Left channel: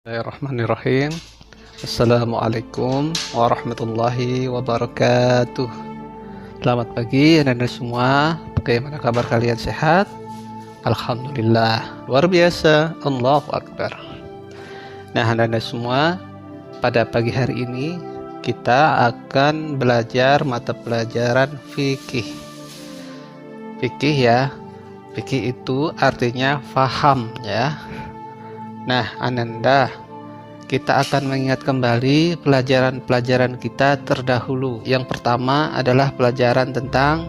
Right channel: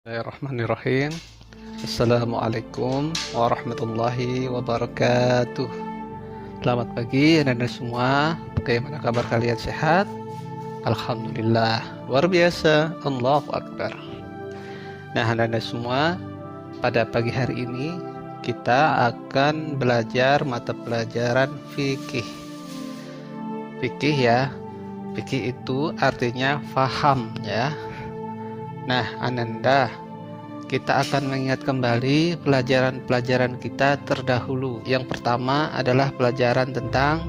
Bismillahirrahmanirrahim. Assalamualaikum warahmatullahi wabarakatuh. Selamat pagi anak-anak semua. Bagaimana kabar kalian, sehat? Alhamdulillah, luar biasa. Allahu Akbar. Nah anak-anak semua, pada pagi hari ini kita akan belajar mata pelajaran fikih. Fikih ya, fikih itu artinya faham ya. Nah, Ananda, kita akan mengingat kembali pelajaran-pelajaran kita terdahulu. Yang pertama adalah pelajaran tentang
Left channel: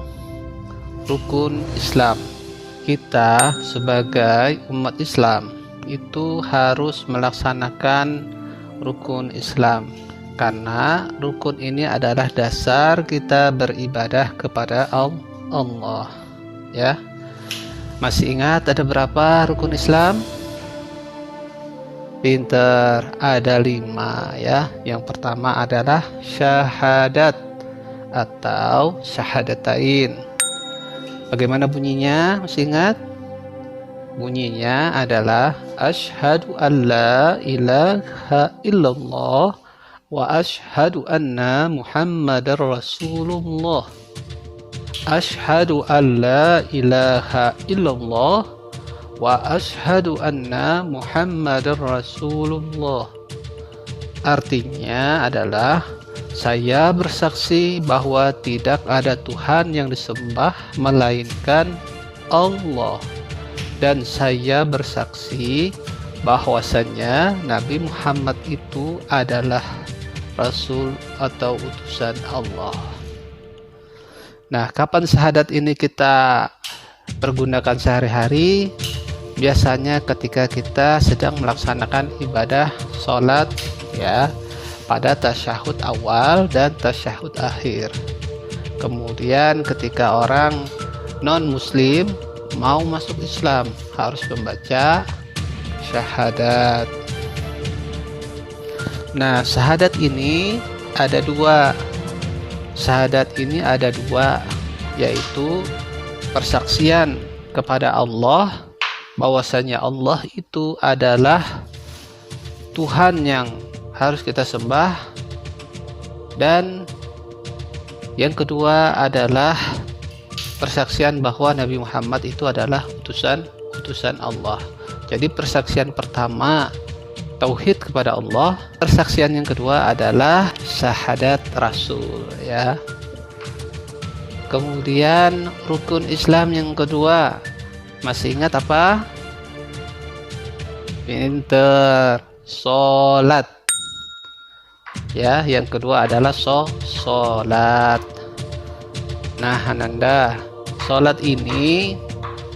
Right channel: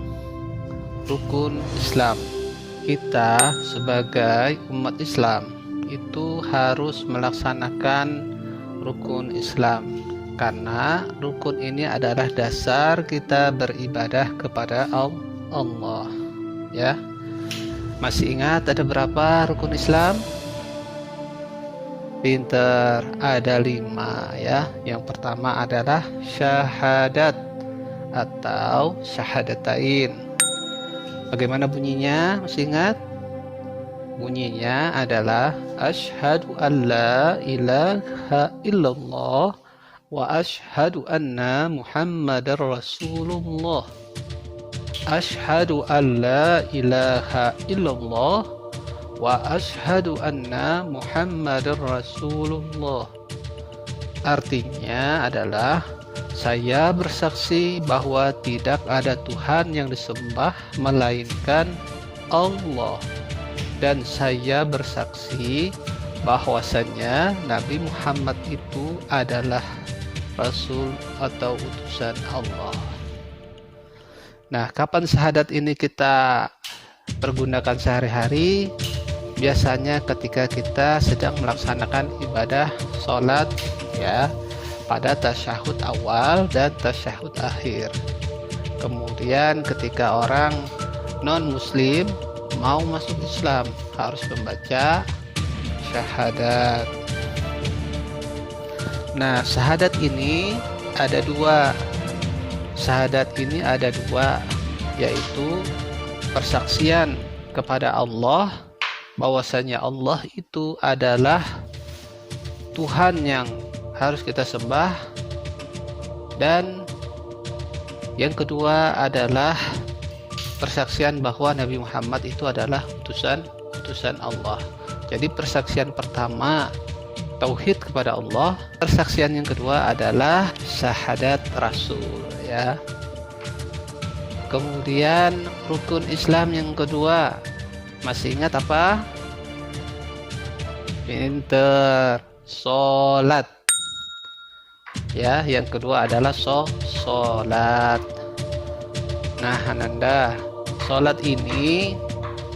rukun Islam. Kita sebagai umat Islam itu harus melaksanakan rukun Islam, karena rukun ini adalah dasar kita beribadah kepada Allah. Ya, masih ingat ada berapa rukun Islam? Pinter, ada 5 ya. Yang pertama adalah syahadat atau syahadatain. Bagaimana bunyinya? Masih ingat? Bunyinya adalah asyhadu an la ilaha illallah wa asyhadu anna muhammadar rasulullah. Asyhadu an la ilaha illallah wa asyhadu anna muhammadar rasulullah. Artinya adalah saya bersaksi bahwa tidak ada Tuhan yang disembah melainkan Allah, dan saya bersaksi bahwasanya Nabi Muhammad itu adalah Rasul atau utusan Allah. Nah, kapan syahadat ini kita pergunakan sehari-hari? Biasanya ketika kita sedang melaksanakan ibadah sholat ya, pada tasyahud awal dan tasyahud akhir. Kemudian ketika orang non muslim mau masuk Islam harus membaca syahadat. Nah, syahadat ini ada 2. Syahadat ini ada 2, yaitu persaksian kepada Allah bahwasanya Allah itu adalah Tuhan yang harus kita sembah, dan yang kedua adalah persaksian bahwa Nabi Muhammad itu adalah utusan Allah. Jadi persaksian pertama tauhid kepada Allah, persaksian yang kedua adalah syahadat Rasul ya. Kemudian rukun Islam yang kedua, masih ingat apa? Pinter, sholat ya. Yang kedua adalah sholat. Nah Ananda, sholat ini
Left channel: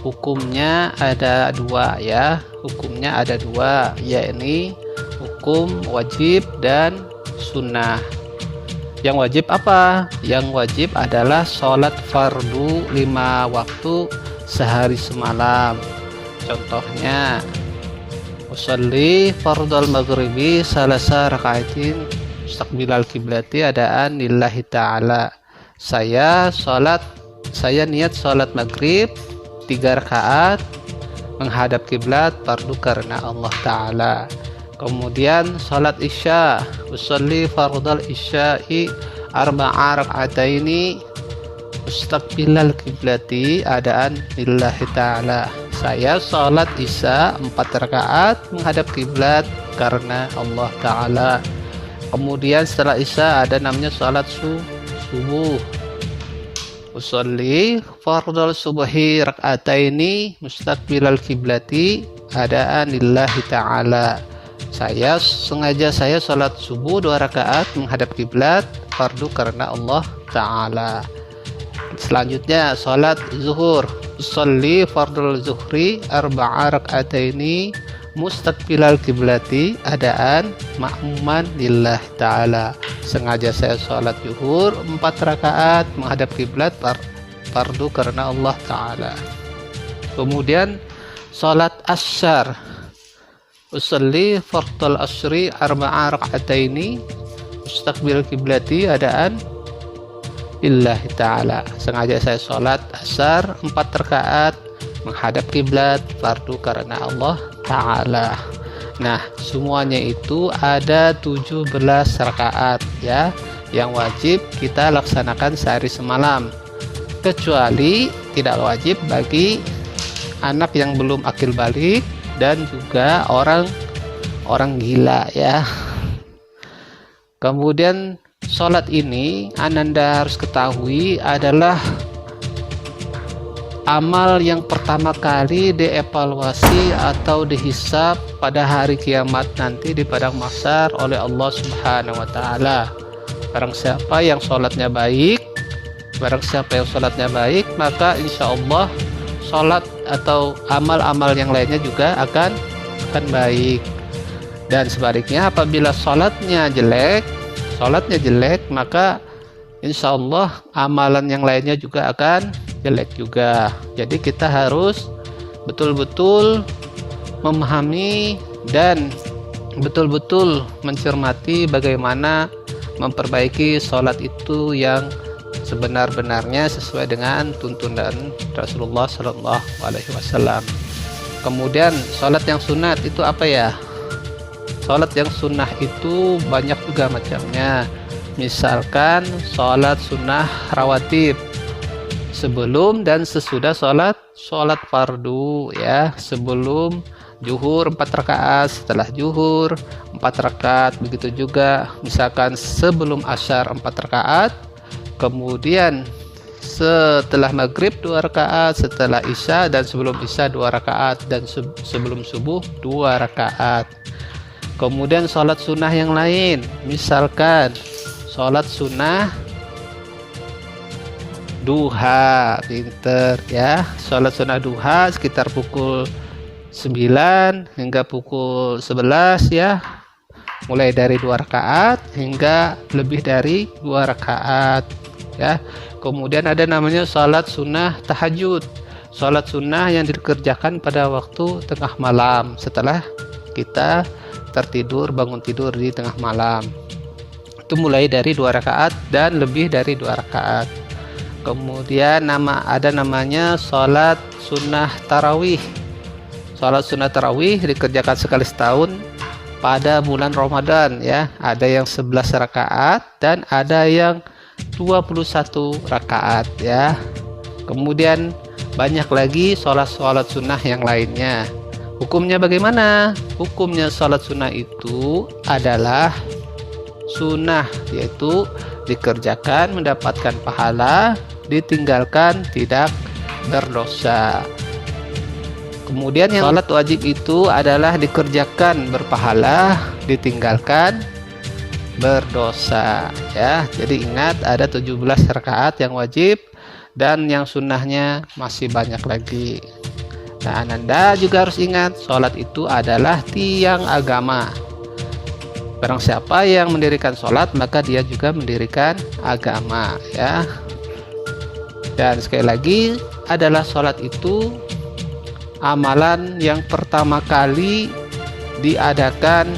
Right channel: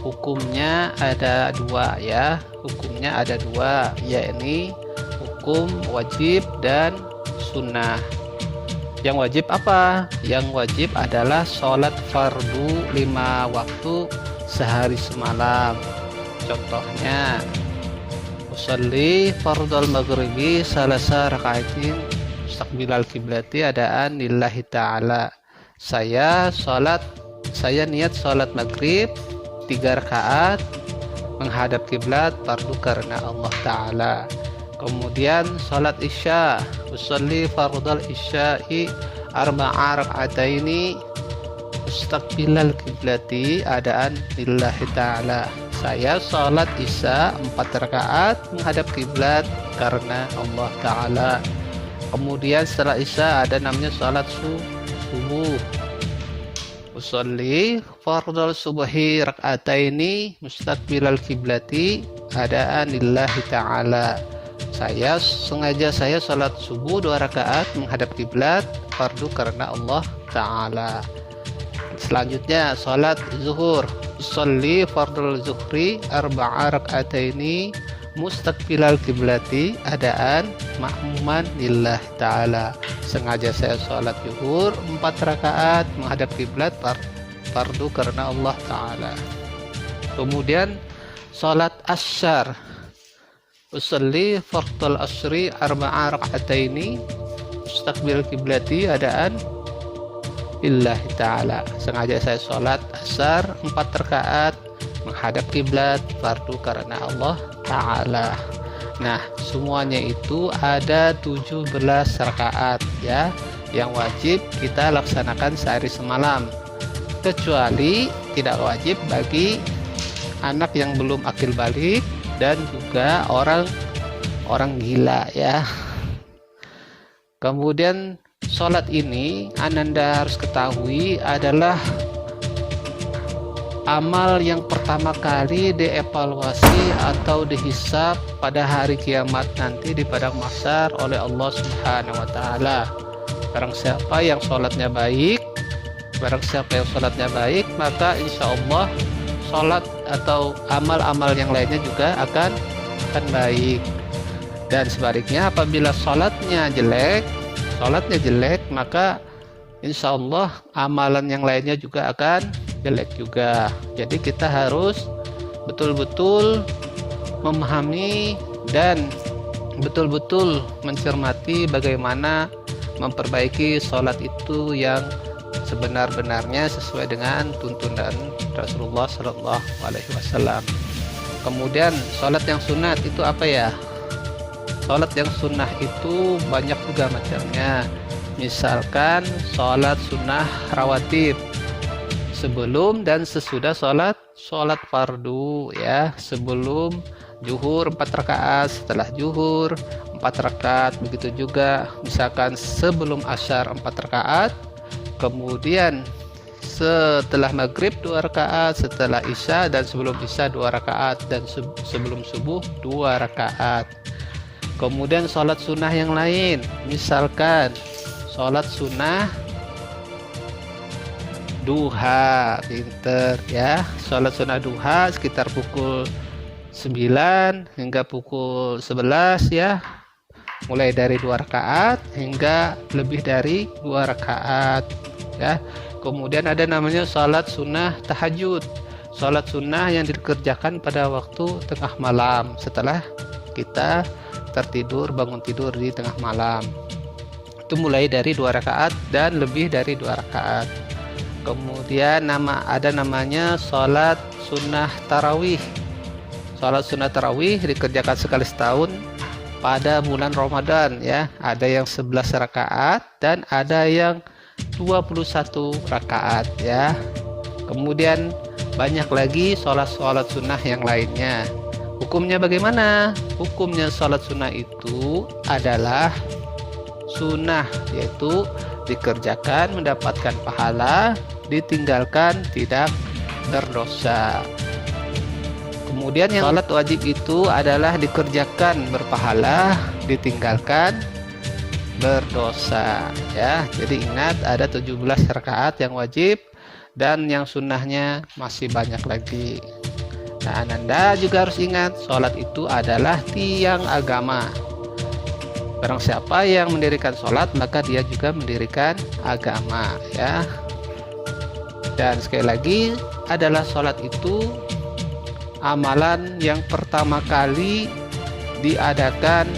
hukumnya ada 2 ya. Hukumnya ada 2, yakni hukum wajib dan sunnah. Yang wajib apa? Yang wajib adalah sholat fardu 5 waktu sehari semalam. Contohnya, usolli fardal maghribi salasa rakaatin mustaqbilal kiblati adaan lillahi ta'ala. Saya niat sholat maghrib 3 rakaat menghadap kiblat fardu karena Allah Ta'ala. Kemudian salat isya, usolli fardal isya'i arba'a raka'ataini mustaqbilal kiblati adaan lillahi ta'ala. Saya salat isya 4 rakaat menghadap kiblat karena Allah Ta'ala. Kemudian setelah isya ada namanya salat subuh. Usolli fardal subhi raka'ataini mustaqbilal kiblati adaan lillahi ta'ala. Saya salat subuh 2 rakaat menghadap kiblat fardu karena Allah Ta'ala. Selanjutnya salat zuhur, usolli fardal zuhri arba'a raka'ataini mustaqbilal kiblati adaan ma'muman lillahi ta'ala. Sengaja saya salat zuhur 4 rakaat menghadap kiblat fardu karena Allah Ta'ala. Kemudian salat asyar, usolli fardal asri arba'a raka'ataini mustaqbil kiblati adaan lillahi ta'ala. Sengaja saya sholat asar 4 rakaat menghadap kiblat fardu karena Allah Ta'ala. Nah, semuanya itu ada 17 rakaat ya, yang wajib kita laksanakan sehari semalam. Kecuali tidak wajib bagi anak yang belum akil balik dan juga orang gila ya. Kemudian sholat ini Ananda harus ketahui adalah amal yang pertama kali dievaluasi atau dihisab pada hari kiamat nanti di padang mahsyar oleh Allah Subhanahu wa taala. Barang siapa yang sholatnya baik, maka insya Allah sholat atau amal-amal yang lainnya juga akan baik. Dan sebaliknya, apabila sholatnya jelek, maka insya Allah amalan yang lainnya juga akan jelek juga. Jadi kita harus betul-betul memahami dan betul-betul mencermati bagaimana memperbaiki sholat itu yang sebenar-benarnya sesuai dengan tuntunan Rasulullah SAW. Kemudian sholat yang sunat itu apa ya? Sholat yang sunnah itu banyak juga macamnya. Misalkan sholat sunnah rawatib, sebelum dan sesudah sholat fardu ya. Sebelum zuhur 4 rakaat, setelah zuhur 4 rakaat, begitu juga misalkan sebelum asyar 4 rakaat, kemudian setelah maghrib 2 rakaat, setelah isya dan sebelum isya 2 rakaat, dan sebelum subuh 2 rakaat. Kemudian sholat sunnah yang lain, misalkan sholat sunnah duha, pinter ya. Sholat sunnah duha sekitar pukul 9 hingga pukul 11 ya, mulai dari 2 rakaat hingga lebih dari 2 rakaat ya. Kemudian ada namanya sholat sunnah tahajud, sholat sunnah yang dikerjakan pada waktu tengah malam setelah kita bangun tidur di tengah malam. Itu mulai dari 2 rakaat dan lebih dari 2 rakaat. Kemudian ada namanya sholat sunnah tarawih. Sholat sunnah tarawih dikerjakan sekali setahun pada bulan Ramadan ya. Ada yang 11 rakaat dan ada yang 21 rakaat ya. Kemudian banyak lagi sholat sunnah yang lainnya. Hukumnya bagaimana? Hukumnya sholat sunnah itu adalah sunnah, yaitu dikerjakan mendapatkan pahala, ditinggalkan tidak berdosa. Kemudian yang sholat wajib itu adalah dikerjakan berpahala, ditinggalkan berdosa ya. Jadi ingat, ada 17 rakaat yang wajib dan yang sunnahnya masih banyak lagi. Nah, Anda juga harus ingat, sholat itu adalah tiang agama. Barang siapa yang mendirikan sholat, maka dia juga mendirikan agama ya. Dan sekali lagi, adalah sholat itu amalan yang pertama kali diadakan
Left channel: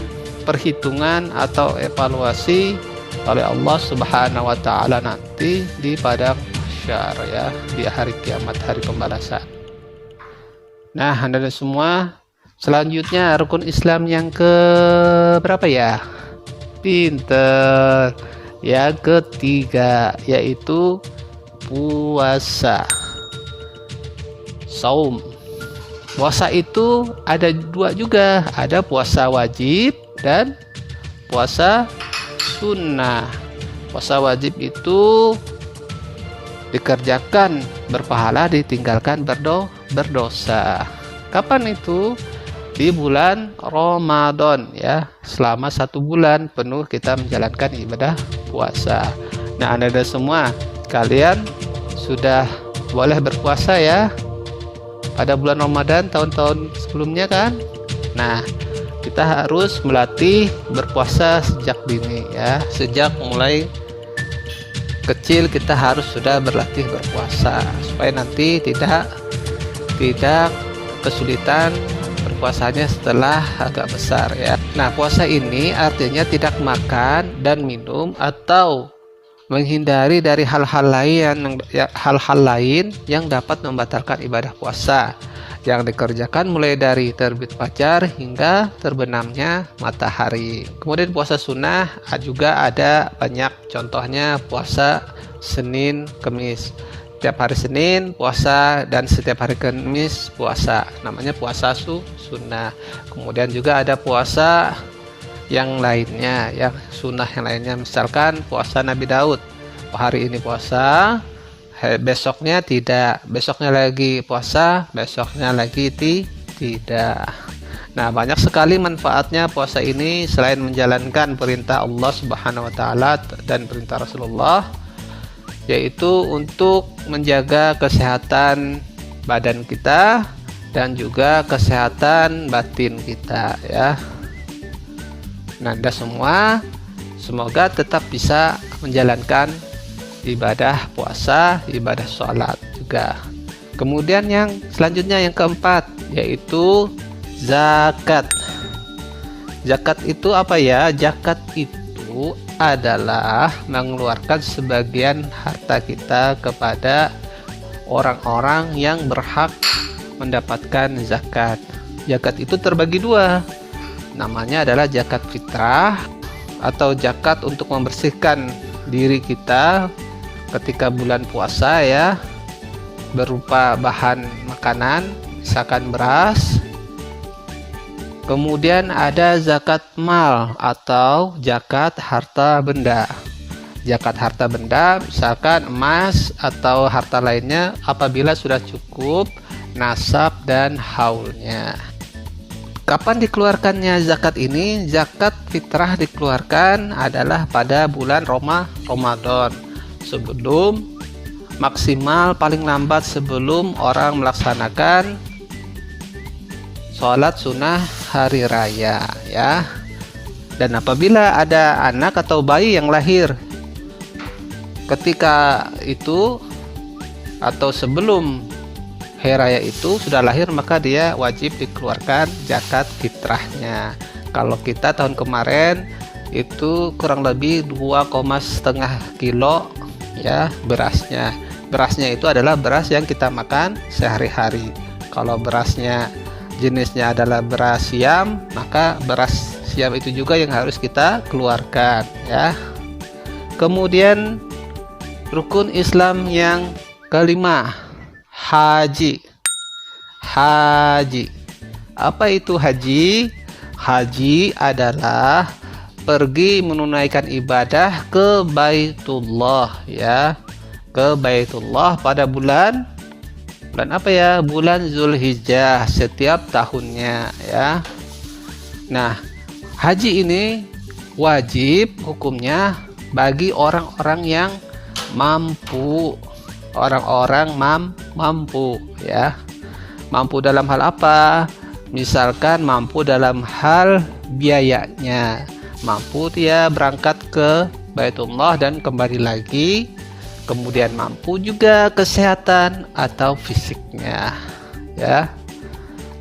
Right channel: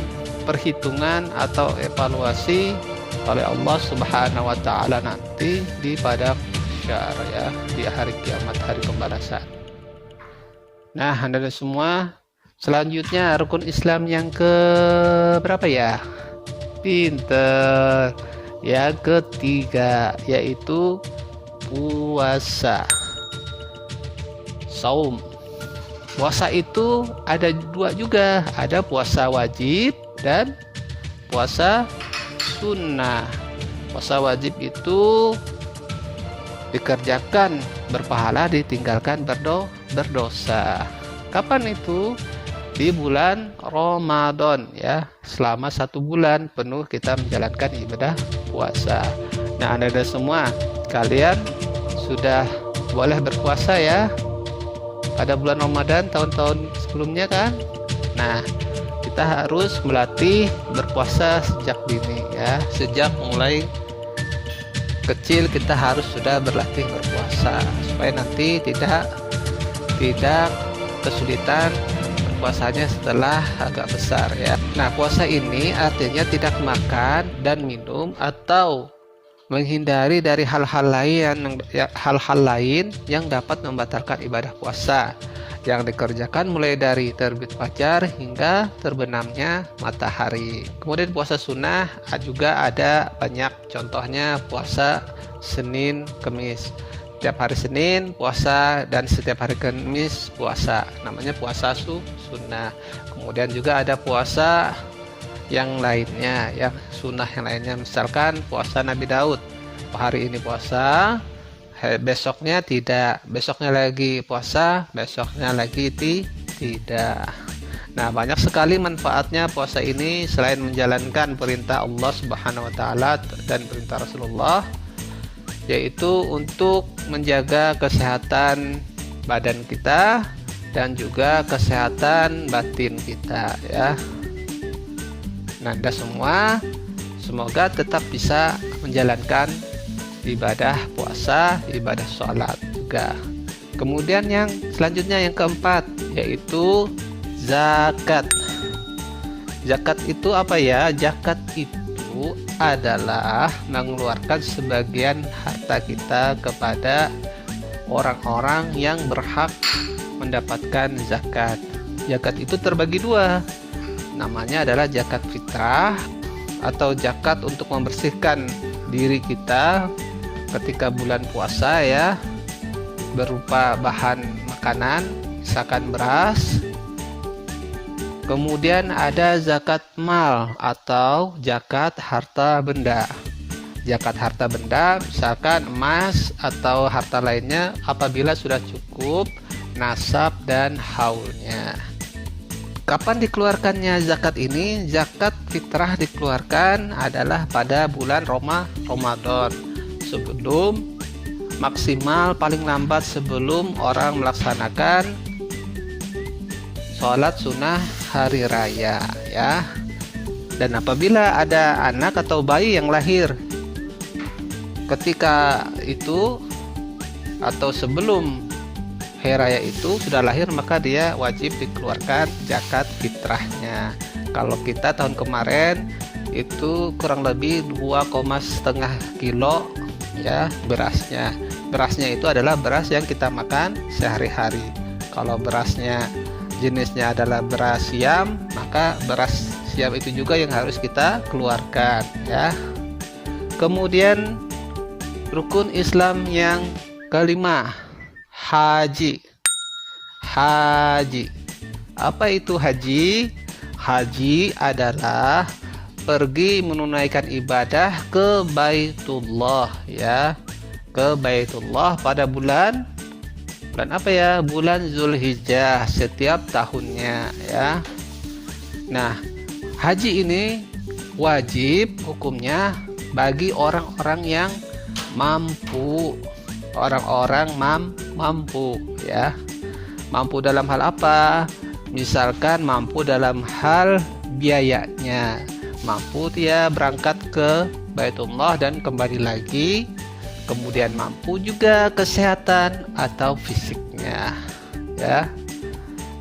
perhitungan atau evaluasi oleh Allah Subhanahu wa taala nanti di padang mahsyar ya, di hari kiamat, hari pembalasan. Nah, Anda semua, selanjutnya rukun Islam yang ke berapa ya? Pinter. Yang ketiga, yaitu puasa. Saum. Puasa itu ada 2 juga, ada puasa wajib dan puasa sunnah. Puasa wajib itu dikerjakan berpahala, ditinggalkan berdosa. Kapan itu? Di bulan Ramadan ya. Selama 1 bulan penuh kita menjalankan ibadah puasa. Nah, Anda semua, kalian sudah boleh berpuasa ya pada bulan Ramadan tahun-tahun sebelumnya kan. Nah, kita harus melatih berpuasa sejak dini ya. Sejak mulai kecil kita harus sudah berlatih berpuasa supaya nanti tidak kesulitan berpuasanya setelah agak besar ya. Nah, puasa ini artinya tidak makan dan minum atau menghindari dari hal-hal lain yang dapat membatalkan ibadah puasa. yang dikerjakan mulai dari terbit fajar hingga terbenamnya matahari. Kemudian puasa sunnah juga ada banyak, contohnya puasa Senin, Kemis. Setiap hari Senin puasa dan setiap hari Kamis puasa, namanya puasa sunnah. Kemudian juga ada puasa yang lainnya, yang sunnah yang lainnya, misalkan puasa Nabi Daud, hari ini puasa, besoknya tidak, besoknya lagi puasa, besoknya lagi tidak. Nah, banyak sekali manfaatnya puasa ini selain menjalankan perintah Allah Subhanahu wa taala dan perintah Rasulullah, yaitu untuk menjaga kesehatan badan kita dan juga kesehatan batin kita ya. Nah, Anda semua semoga tetap bisa menjalankan ibadah puasa, ibadah sholat juga. Kemudian yang selanjutnya, yang keempat, yaitu zakat. Zakat itu apa ya? Zakat itu adalah mengeluarkan sebagian harta kita kepada orang-orang yang berhak mendapatkan zakat. Zakat itu terbagi dua, namanya adalah zakat fitrah atau zakat untuk membersihkan diri kita ketika bulan puasa ya, berupa bahan makanan, misalkan beras. Kemudian ada zakat mal atau zakat harta benda. Zakat harta benda misalkan emas atau harta lainnya apabila sudah cukup nasab dan haulnya. Kapan dikeluarkannya zakat ini? Zakat fitrah dikeluarkan adalah pada bulan Ramadan, sebelum maksimal paling lambat sebelum orang melaksanakan sholat sunnah hari raya ya. Dan apabila ada anak atau bayi yang lahir ketika itu atau sebelum hari raya itu sudah lahir, maka dia wajib dikeluarkan zakat fitrahnya. Kalau kita tahun kemarin itu kurang lebih 2,5 kilo ya berasnya. Berasnya itu adalah beras yang kita makan sehari-hari. Kalau berasnya jenisnya adalah beras siam, maka beras siam itu juga yang harus kita keluarkan ya. Kemudian rukun Islam yang kelima, haji. Apa itu haji? Haji adalah pergi menunaikan ibadah ke Baitullah ya, ke Baitullah pada bulan apa ya? Bulan Zulhijjah setiap tahunnya ya. Nah, haji ini wajib hukumnya bagi orang-orang yang mampu. Orang-orang mampu ya. Mampu dalam hal apa? Misalkan mampu dalam hal biayanya, mampu dia berangkat ke Baitullah dan kembali lagi. Kemudian mampu juga kesehatan atau fisiknya ya.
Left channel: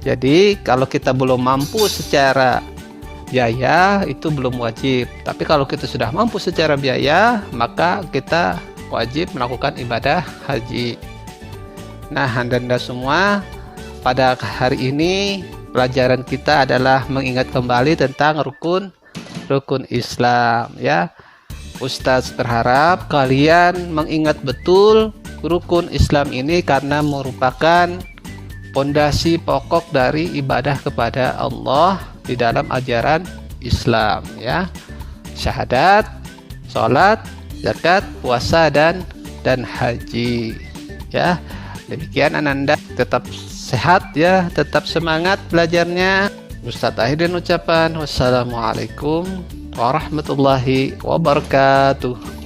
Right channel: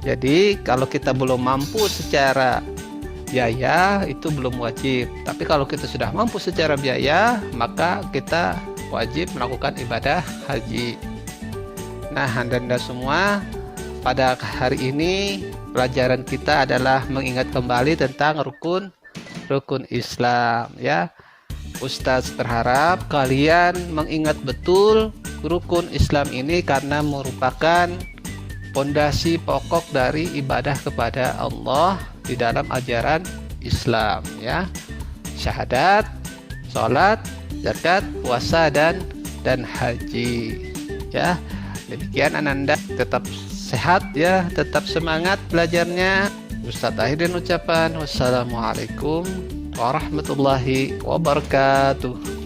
Jadi kalau kita belum mampu secara biaya itu belum wajib, tapi kalau kita sudah mampu secara biaya maka kita wajib melakukan ibadah haji. Nah, Anda semua, pada hari ini pelajaran kita adalah mengingat kembali tentang rukun Islam ya. Ustadz berharap kalian mengingat betul rukun Islam ini karena merupakan pondasi pokok dari ibadah kepada Allah di dalam ajaran Islam ya. Syahadat, sholat, zakat, puasa dan haji ya. Demikian Ananda, tetap sehat ya, tetap semangat belajarnya. Ustadz akhirin ucapan wassalamualaikum warahmatullahi wabarakatuh.